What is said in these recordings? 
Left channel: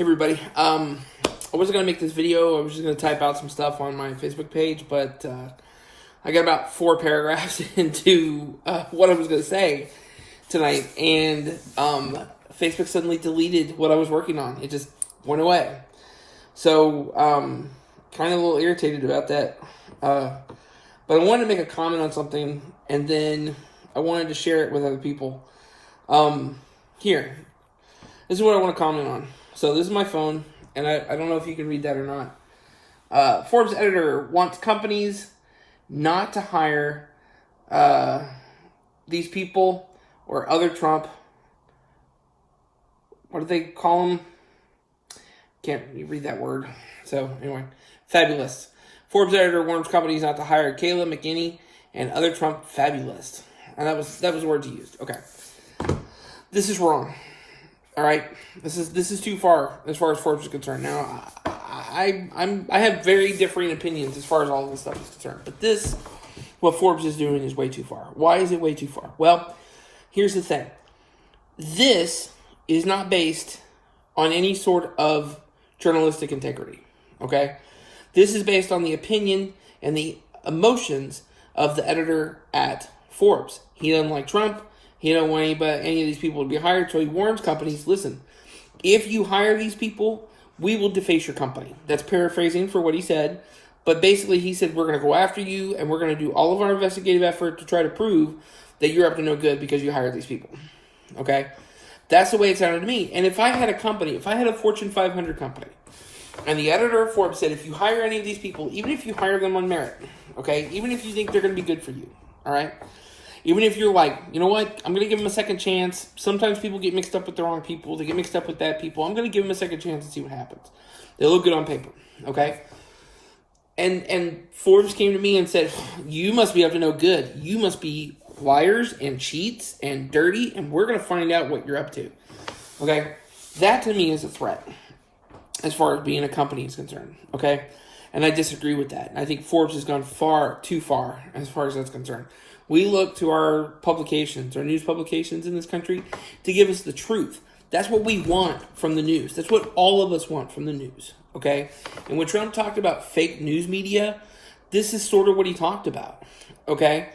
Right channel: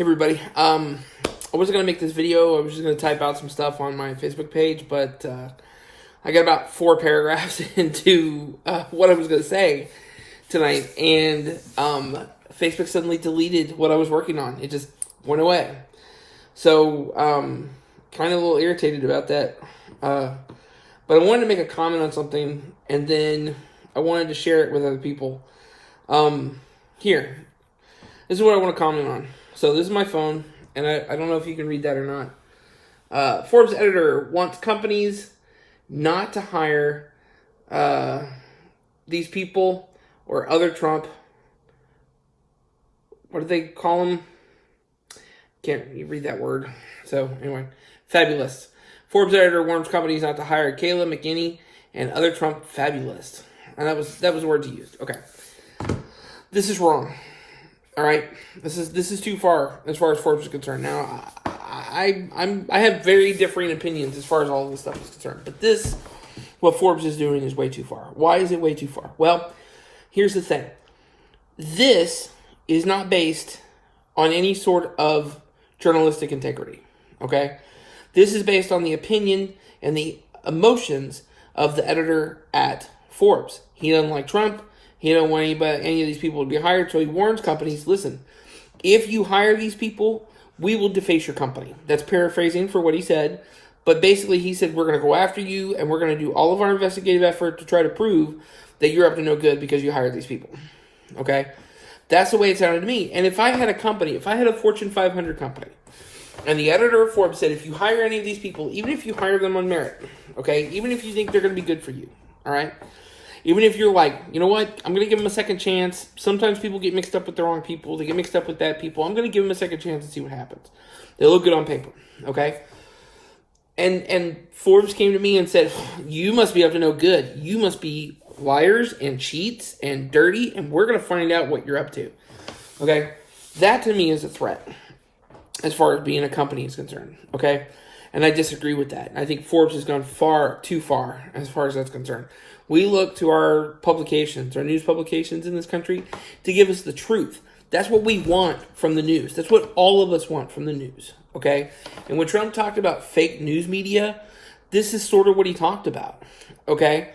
Hey everybody, I wasn't going to make this video. I was just going to type out some stuff on my Facebook page, but I got about 4 paragraphs into what I was going to say tonight, and Facebook suddenly deleted what I was working on. It just went away. So, kind of a little irritated about that. But I wanted to make a comment on something, and then I wanted to share it with other people. Here. This is what I want to comment on. So this is my phone, and I don't know if you can read that or not. Forbes editor wants companies not to hire these people or other Trump. What do they call them? Can't read that word. So anyway, fabulous. Forbes editor warns companies not to hire Kayla McKinney and other Trump fabulous. And that was the words he used. Okay, this is wrong. All right, this is too far as Forbes is concerned. Now, I have very differing opinions as far as all of this stuff is concerned, but what Forbes is doing is way too far. Why is it way too far? Well, here's the thing. This is not based on any sort of journalistic integrity. Okay, this is based on the opinion and the emotions of the editor at Forbes. He doesn't like Trump. He don't want any of these people to be hired, so he warns companies, listen, if you hire these people, we will deface your company. That's paraphrasing for what he said, but basically he said, we're going to go after you, and we're going to do all of our investigative effort to try to prove that you're up to no good because you hired these people. Okay? That's the way it sounded to me. And if I had a company, if I had a Fortune 500 company, and the editor of Forbes said, if you hire any of these people, even if you hire them on merit, okay, even if you think they're going to be good for you, all right, even if you're like, you know what, I'm going to give them a second chance. Sometimes people get mixed up with the wrong people. They get mixed up with bad people. I'm going to give them a second chance and see what happens. They look good on paper, okay? And Forbes came to me and said, you must be up to no good. You must be liars and cheats and dirty, and we're going to find out what you're up to, okay? That to me is a threat as far as being a company is concerned, okay? And I disagree with that. I think Forbes has gone too far as that's concerned. We look to our publications, our news publications in this country, to give us the truth. That's what we want from the news. That's what all of us want from the news, okay? And when Trump talked about fake news media, this is sort of what he talked about, okay?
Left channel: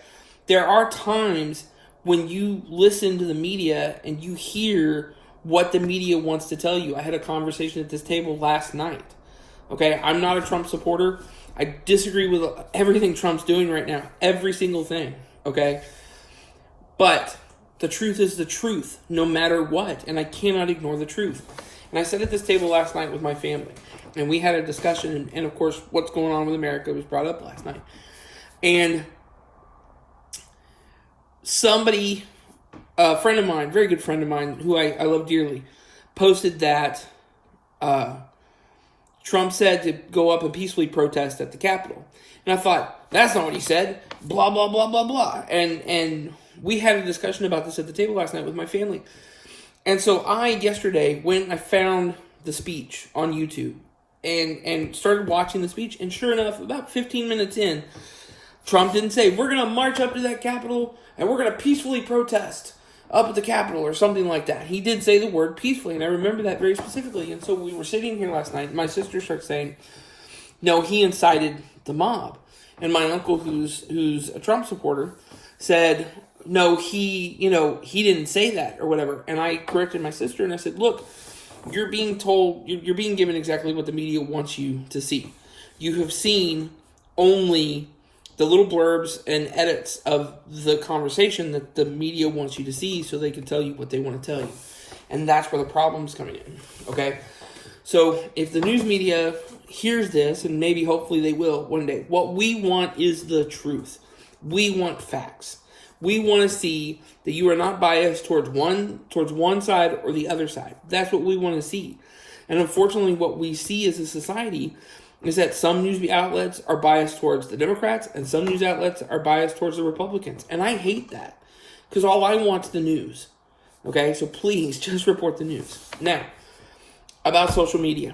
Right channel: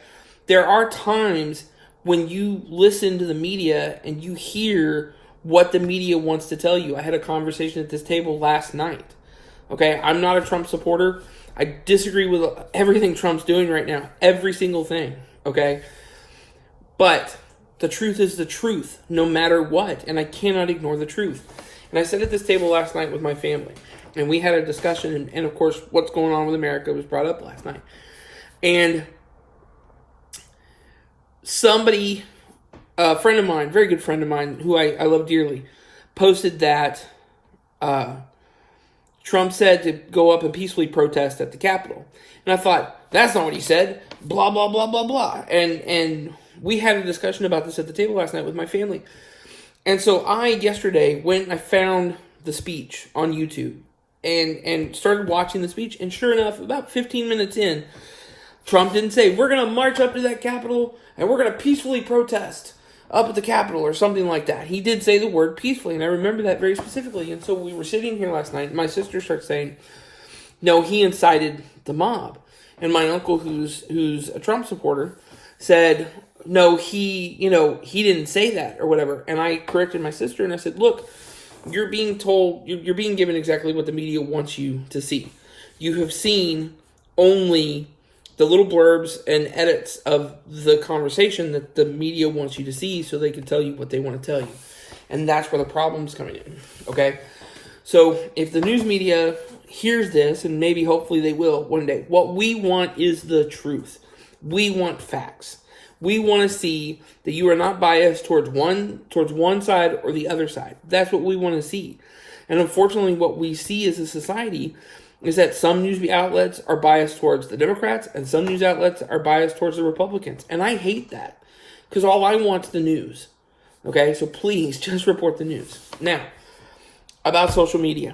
There are times when you listen to the media and you hear what the media wants to tell you. I had a conversation at this table last night, okay? I'm not a Trump supporter. I disagree with everything Trump's doing right now, every single thing. Okay, but the truth is the truth, no matter what, and I cannot ignore the truth. And I sat at this table last night with my family, and we had a discussion, and of course, what's going on with America was brought up last night. And somebody, a friend of mine, very good friend of mine, who I love dearly, posted that Trump said to go up and peacefully protest at the Capitol. And I thought, that's not what he said. Blah, blah, blah, blah, blah. And we had a discussion about this at the table last night with my family. And so yesterday, when I found the speech on YouTube and started watching the speech, and sure enough, about 15 minutes in, Trump didn't say, we're going to march up to that Capitol and we're going to peacefully protest up at the Capitol or something like that. He did say the word peacefully, and I remember that very specifically. And so we were sitting here last night, and my sister starts saying, no, he incited the mob. And my uncle, who's a Trump supporter, said, no, he didn't say that or whatever. And I corrected my sister and I said, look, you're being given exactly what the media wants you to see. You have seen only the little blurbs and edits of the conversation that the media wants you to see so they can tell you what they want to tell you. And that's where the problem's coming in, okay? So if the news media hears this, and maybe hopefully they will one day, what we want is the truth. We want facts. We want to see that you are not biased towards one side or the other side. That's what we want to see. And unfortunately, what we see as a society is that some news outlets are biased towards the Democrats and some news outlets are biased towards the Republicans. And I hate that because all I want is the news. Okay, so please just report the news. Now, about social media.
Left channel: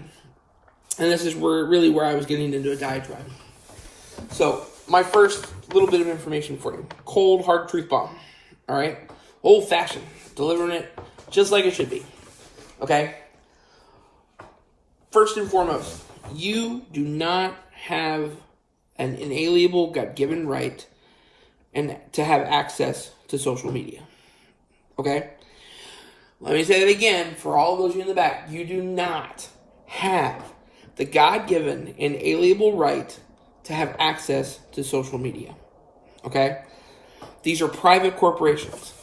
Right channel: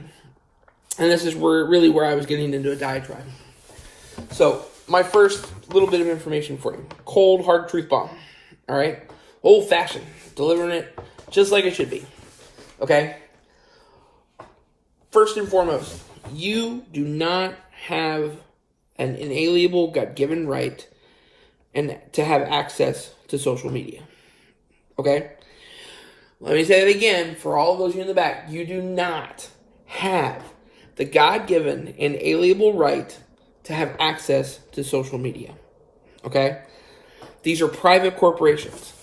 And this is where I was getting into a diatribe. So, my first little bit of information for you. Cold, hard truth bomb. All right? Old-fashioned. Delivering it just like it should be. Okay? first and foremost, you do not have an inalienable, God-given right and to have access to social media. Okay? Let me say it again for all of those of you in the back. You do not have the God-given inalienable right to have access to social media. Okay? These are private corporations.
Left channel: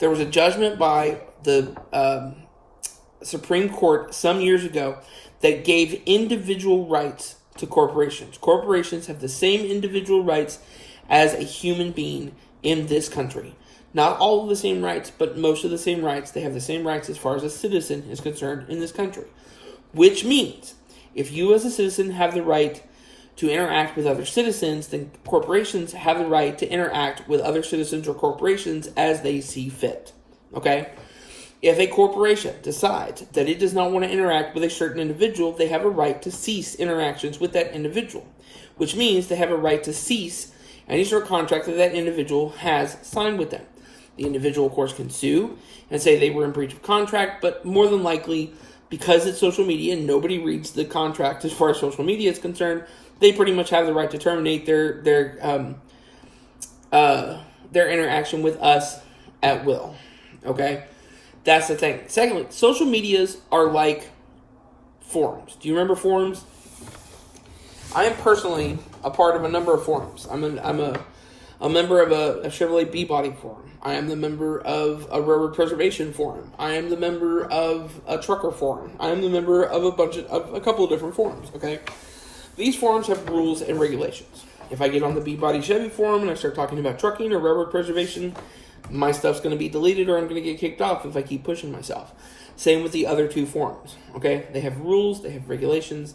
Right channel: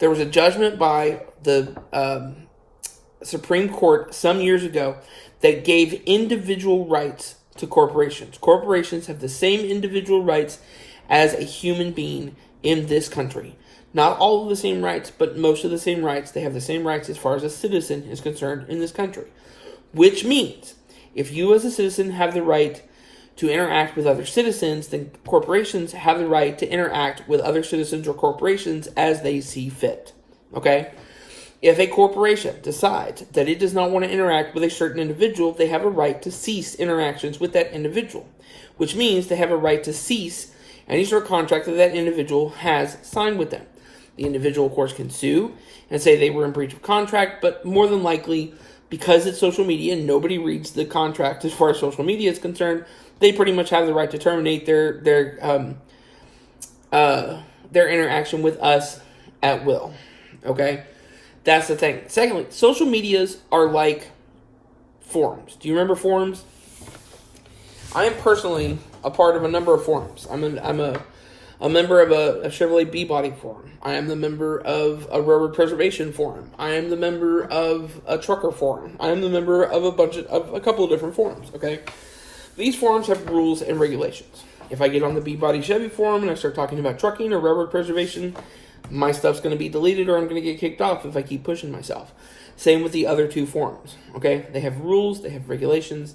There was a judgment by the Supreme Court some years ago that gave individual rights to corporations. Corporations have the same individual rights as a human being in this country. Not all of the same rights, but most of the same rights. They have the same rights as far as a citizen is concerned in this country. Which means, if you as a citizen have the right to interact with other citizens, then corporations have the right to interact with other citizens or corporations as they see fit. Okay? If a corporation decides that it does not want to interact with a certain individual, they have a right to cease interactions with that individual, which means they have a right to cease any sort of contract that that individual has signed with them. The individual, of course, can sue and say they were in breach of contract, but more than likely, because it's social media and nobody reads the contract as far as social media is concerned, they pretty much have the right to terminate their interaction with us at will. Okay? That's the thing. Secondly, social medias are like forums. Do you remember forums? I am personally a part of a number of forums. I'm a member of a Chevrolet B-Body forum. I am the member of a railroad preservation forum. I am the member of a trucker forum. I am the member of a couple of different forums. Okay, these forums have rules and regulations. If I get on the B-Body Chevy forum and I start talking about trucking or railroad preservation, my stuff's going to be deleted or I'm going to get kicked off if I keep pushing myself. Same with the other two forums. Okay, they have rules. They have regulations.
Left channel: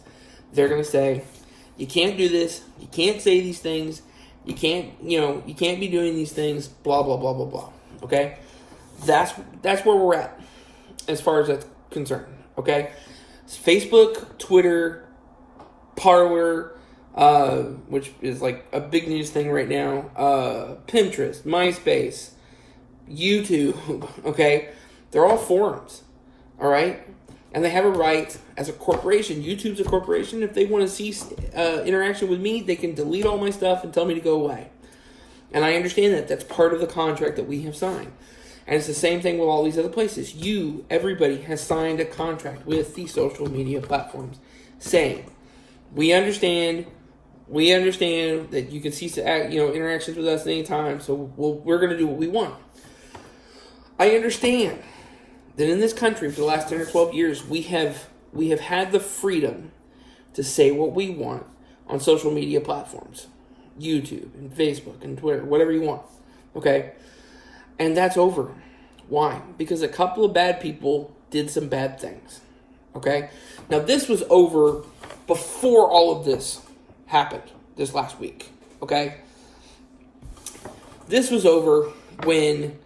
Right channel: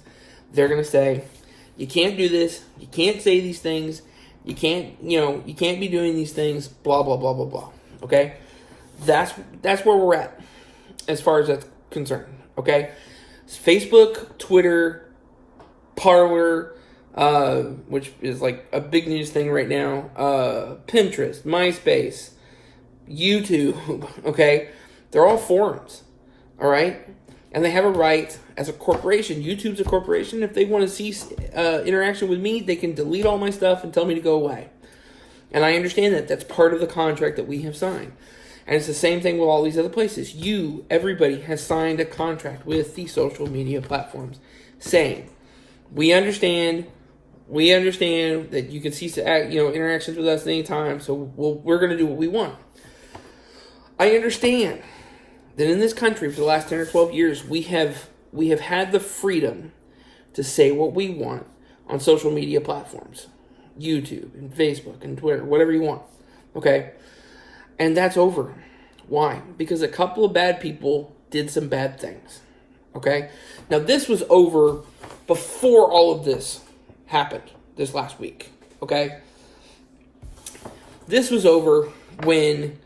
They're going to say, you can't do this. You can't say these things. You can't be doing these things, blah, blah, blah, blah, blah. Okay? That's where we're at as far as that's concerned. Okay? It's Facebook, Twitter, Parler, which is like a big news thing right now, Pinterest, MySpace, YouTube, okay? They're all forums, all right? And they have a right as a corporation. YouTube's a corporation. If they want to cease interaction with me, they can delete all my stuff and tell me to go away. And I understand that. That's part of the contract that we have signed. And it's the same thing with all these other places. Everybody has signed a contract with the social media platforms saying, we understand that you can cease interactions with us at any time, so we're going to do what we want. I understand that in this country for the last 10 or 12 years, we have had the freedom to say what we want on social media platforms. YouTube and Facebook and Twitter, whatever you want. Okay? And that's over. Why? Because a couple of bad people did some bad things. Okay? Now, this was over before all of this happened this last week. Okay? This was over when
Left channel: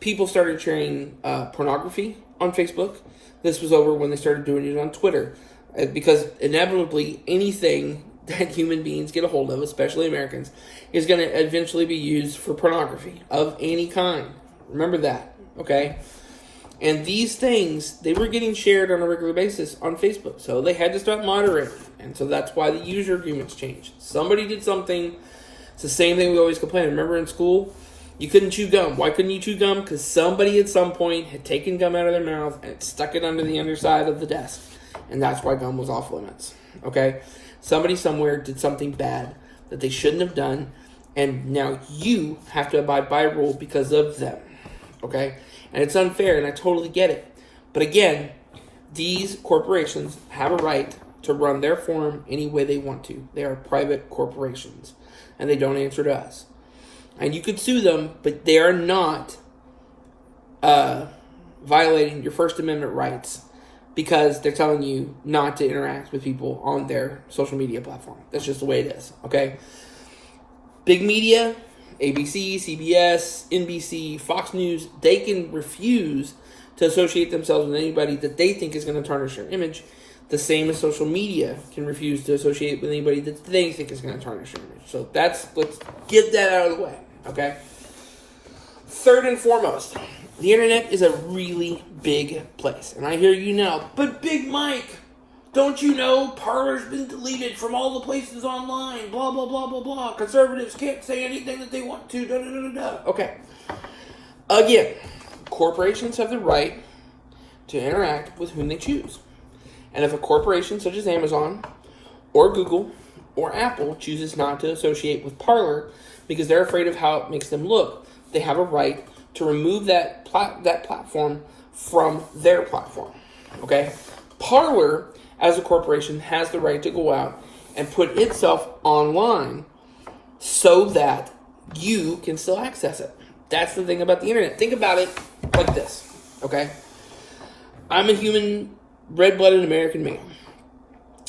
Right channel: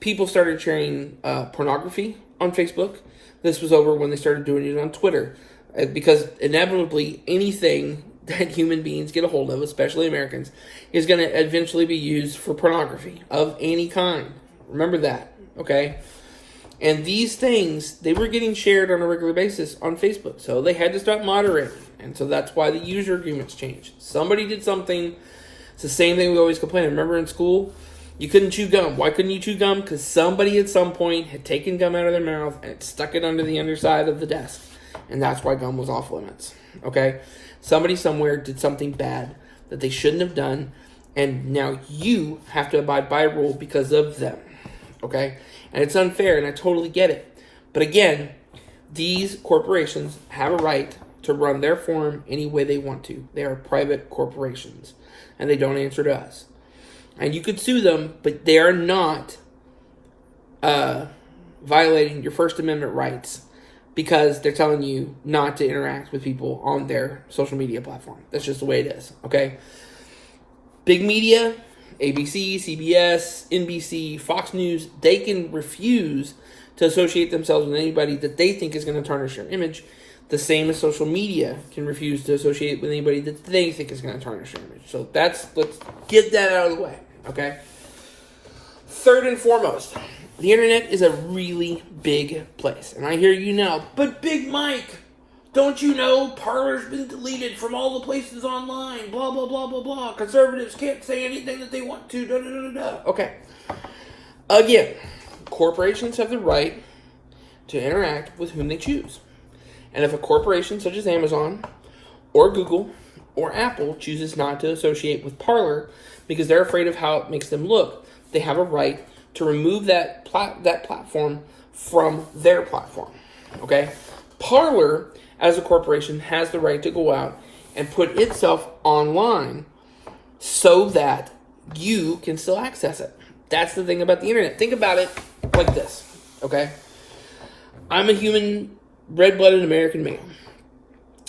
people started sharing pornography on Facebook. This was over when they started doing it on Twitter. Because inevitably, anything that human beings get a hold of, especially Americans, is going to eventually be used for pornography of any kind. Remember that, okay? And these things, they were getting shared on a regular basis on Facebook. So they had to start moderating. And so that's why the user agreements changed. Somebody did something. It's the same thing we always complain. Remember in school? You couldn't chew gum. Why couldn't you chew gum? Because somebody at some point had taken gum out of their mouth and stuck it under the underside of the desk. And that's why gum was off limits. Okay? Somebody somewhere did something bad that they shouldn't have done. And now you have to abide by a rule because of them. Okay? And it's unfair, and I totally get it. But again, these corporations have a right to run their forum any way they want to. They are private corporations. And they don't answer to us. And you could sue them, but they are not violating your First Amendment rights because they're telling you not to interact with people on their social media platform. That's just the way it is, okay? Big media, ABC, CBS, NBC, Fox News, they can refuse to associate themselves with anybody that they think is going to tarnish their image. The same as social media can refuse to associate with anybody that they think is going to tarnish their image. So let's get that out of the way, okay? Third and foremost, the internet is a really big place. And I hear you now, but Big Mike, Don't you know Parler's been deleted from all the places online? Blah, blah, blah, blah, blah. Conservatives can't say anything that they want to. Da, da, da, da, da. Okay. Again, corporations have the right to interact with whom they choose. And if a corporation such as Amazon or Google or Apple chooses not to associate with Parler because they're afraid of how it makes them look, they have a right to remove that platform from their platform. Okay? Parler, as a corporation, has the right to go out and put itself online so that you can still access it. That's the thing about the internet. Think about it like this, okay? I'm a human, red-blooded American man.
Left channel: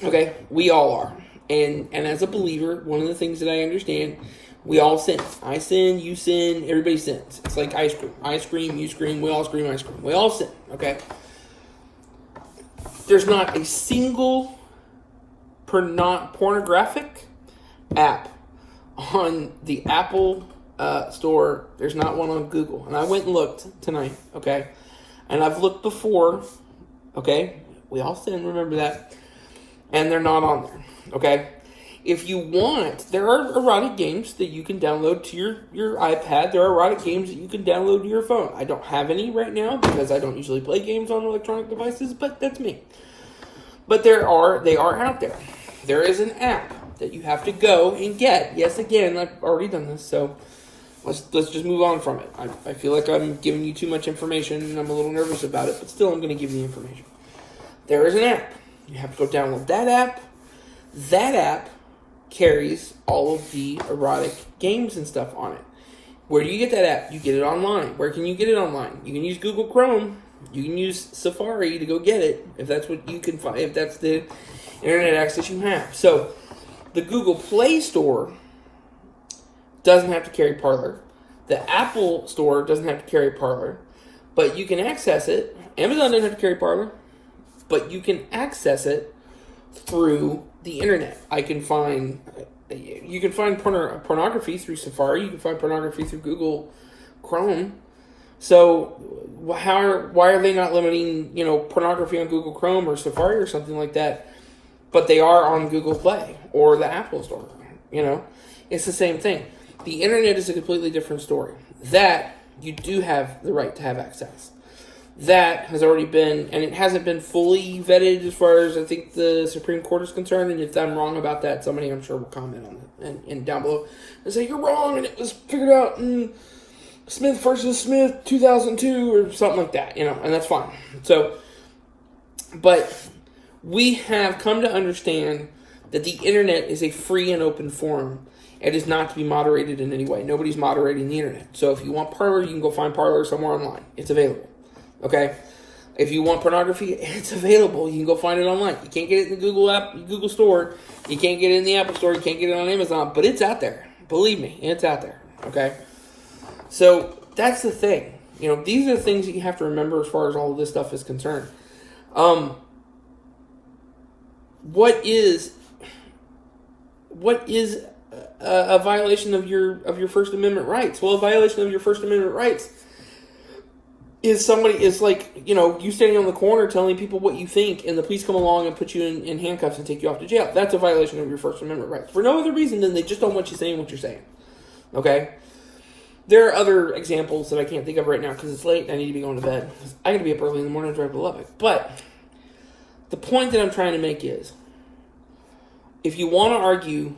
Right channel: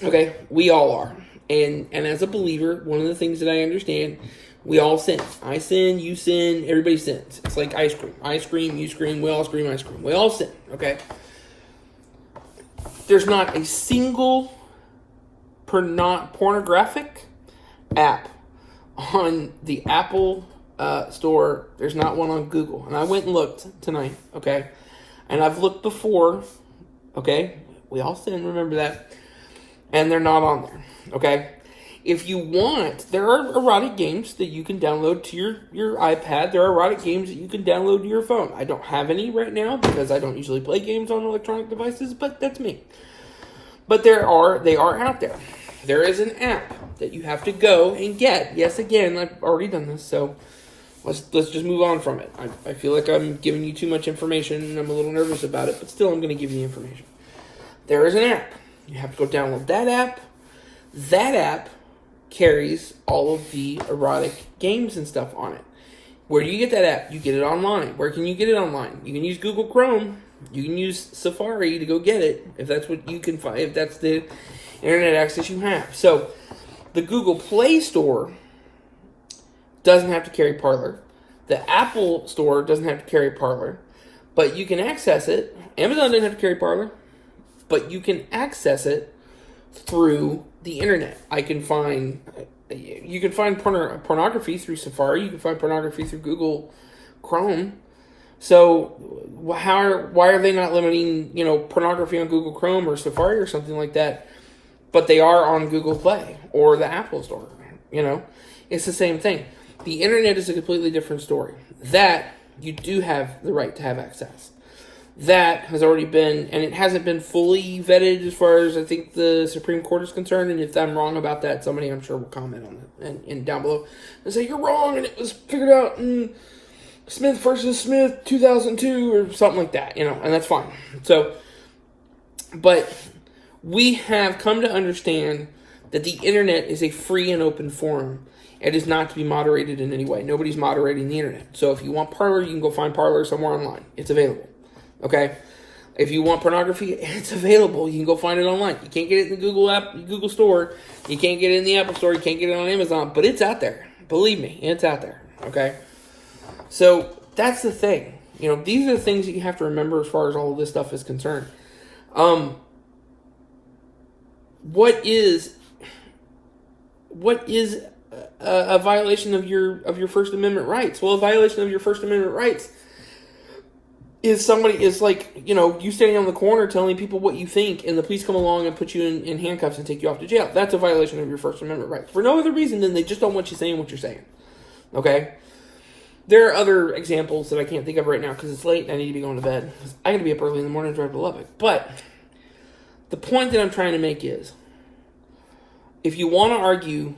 Okay? We all are. And as a believer, one of the things that I understand, we all sin. I sin, you sin, everybody sins. It's like ice cream. I scream, you scream, we all scream, ice cream. We all sin, okay? There's not a single pornographic app on the Apple store. There's not one on Google. And I went and looked tonight, okay? And I've looked before, okay? We all sin, remember that. And they're not on there, okay? If you want, there are erotic games that you can download to your iPad. There are erotic games that you can download to your phone. I don't have any right now because I don't usually play games on electronic devices, but that's me. But they are out there. There is an app that you have to go and get. Yes, again, I've already done this, so let's just move on from it. I feel like I'm giving you too much information, and I'm a little nervous about it, but still I'm going to give you information. There is an app. You have to go download that app. That app carries all of the erotic games and stuff on it. Where do you get that app? You get it online. Where can you get it online? You can use Google Chrome. You can use Safari to go get it if that's what you can find, if that's the internet access you have. So the Google Play Store doesn't have to carry Parler. The Apple Store doesn't have to carry Parler, but you can access it. Amazon doesn't have to carry Parler, but you can access it through the internet. You can find pornography through Safari. You can find pornography through Google Chrome. So why are they not limiting, pornography on Google Chrome or Safari or something like that? But they are on Google Play or the Apple Store. It's the same thing. The internet is a completely different story. That you do have the right to have access. That has already been, and it hasn't been fully vetted as far as I think the Supreme Court is concerned. And if I'm wrong about that, somebody I'm sure will comment on it and down below and say you're wrong and it was figured out in Smith versus Smith 2002 or something like that, and that's fine. So, but we have come to understand that the internet is a free and open forum. It is not to be moderated in any way. Nobody's moderating the internet. So if you want Parler, you can go find Parler somewhere online. It's available. Okay? If you want pornography, it's available. You can go find it online. You can't get it in the Google Store. You can't get it in the Apple Store. You can't get it on Amazon. But it's out there. Believe me, it's out there. Okay? So that's the thing. These are the things that you have to remember as far as all of this stuff is concerned. What is a violation of your First Amendment rights? Well, a violation of your First Amendment rights is like, you standing on the corner telling people what you think and the police come along and put you in handcuffs and take you off to jail. That's a violation of your First Amendment rights. For no other reason than they just don't want you saying what you're saying. Okay? There are other examples that I can't think of right now because it's late and I need to be going to bed. I got to be up early in the morning to drive to Lubbock. But the point that I'm trying to make is, if you want to argue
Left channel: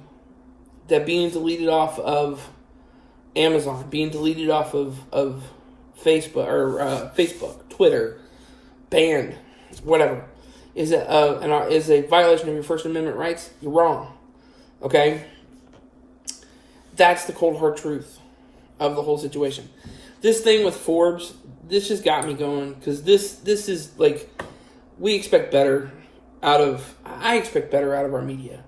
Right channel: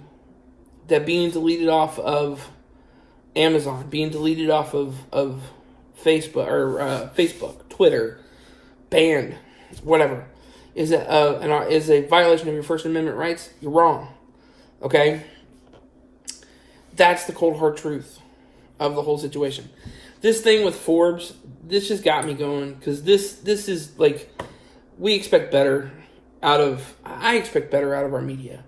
that being deleted off of Amazon, being deleted off of Facebook, Twitter, banned, whatever, is a violation of your First Amendment rights, you're wrong. Okay? That's the cold hard truth of the whole situation. This thing with Forbes, this just got me going because this is like, I expect better out of our media.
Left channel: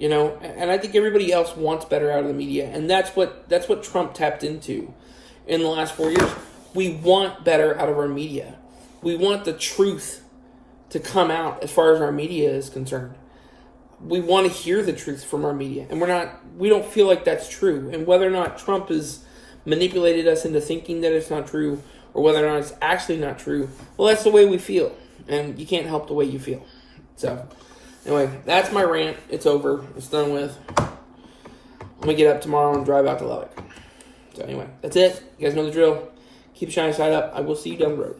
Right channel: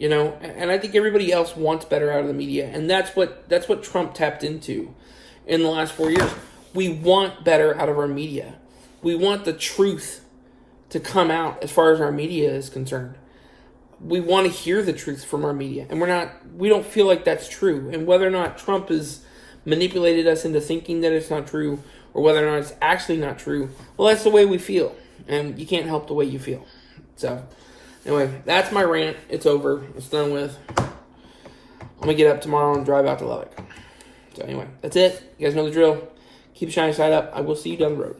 And I think everybody else wants better out of the media, and that's what Trump tapped into in the last 4 years. We want better out of our media. We want the truth to come out as far as our media is concerned. We want to hear the truth from our media, and we don't feel like that's true. And whether or not Trump has manipulated us into thinking that it's not true, or whether or not it's actually not true, well, that's the way we feel, and you can't help the way you feel. So, Anyway, that's my rant. It's over. It's done with. I'm going to get up tomorrow and drive out to Lubbock. So anyway, that's it. You guys know the drill. Keep the shiny side up. I will see you down the road.